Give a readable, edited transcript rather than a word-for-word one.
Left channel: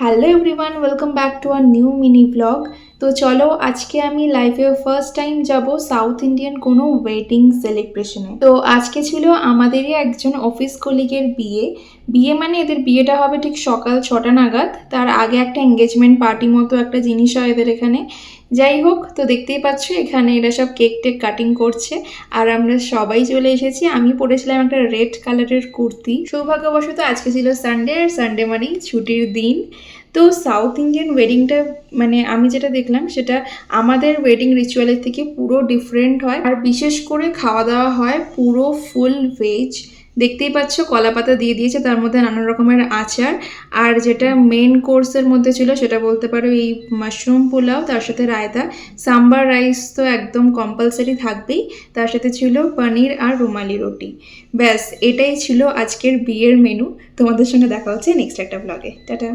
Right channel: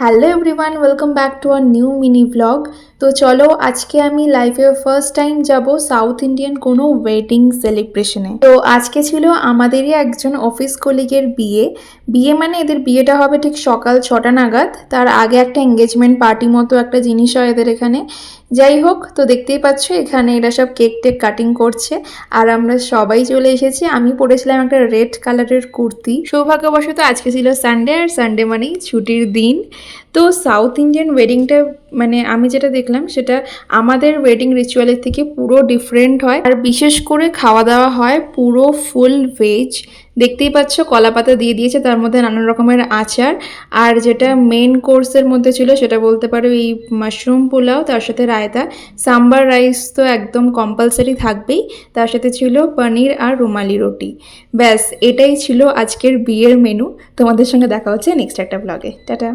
Hello everyone, welcome back to a new mini blog. তো চলো আজকে আমি লাইফে ফার্স্ট টাইম যাব সাউথ ইন্ডিয়ান কোনো ওয়েডিং সেলিব্রেশনে। তো আজকে ছিল আমাদেরই একজন অফিস কলিগের বিয়ে। বিয়ে মানে এদের বিয়েটা হবে ঠিক সকাল 6টা নাগাদ, তার আগে একটা এঙ্গেজমেন্ট পার্টি মতো একটা জিনিস হয় এদের এখানে। যাই হোক, তো দেখতেই পাচ্ছ এখানে এরা সব কেক টেক কাটিং করছে আর আমরা সবাই চলে এসেছি। আমি পরেছিলাম একটা রেড কালারের কুর্তি। সৌভাগ্যবশত আজকে ছিল সানডে, আর সানডে মানেই ছুটির দিন। তো সাউথ ইন্ডিয়ান ওয়েডিংটা মানে আমি যেটা দেখলাম সেটা আমাদের ওয়েডিং রিচুয়ালের থেকে পুরো ডিফারেন্ট হয়। আর বিশেষ করে খাওয়া দাওয়া হয় পুরো ফুল ভেজ। দেখতেই পাচ্ছ কলা পাতা দিয়ে দিয়েছে, তার মধ্যে নানান রকমের আচার। আর যেটা মেন কোর্সের মধ্যে ছিল সেটা বলতে পারো এই মাশরুম পোলাও, তার সাথে রায়তা। সাম্বার রাইস তো একদম কম্পালসারি থাকবেই, তার সাথে ছিল পনির আর রুমালি রুটি। ব্যাস এটাই ছিল আজকের বিয়ের মেনু। তোমাদের সঙ্গে দেখা হচ্ছে নেক্সট একটা ব্লগে। টাটা।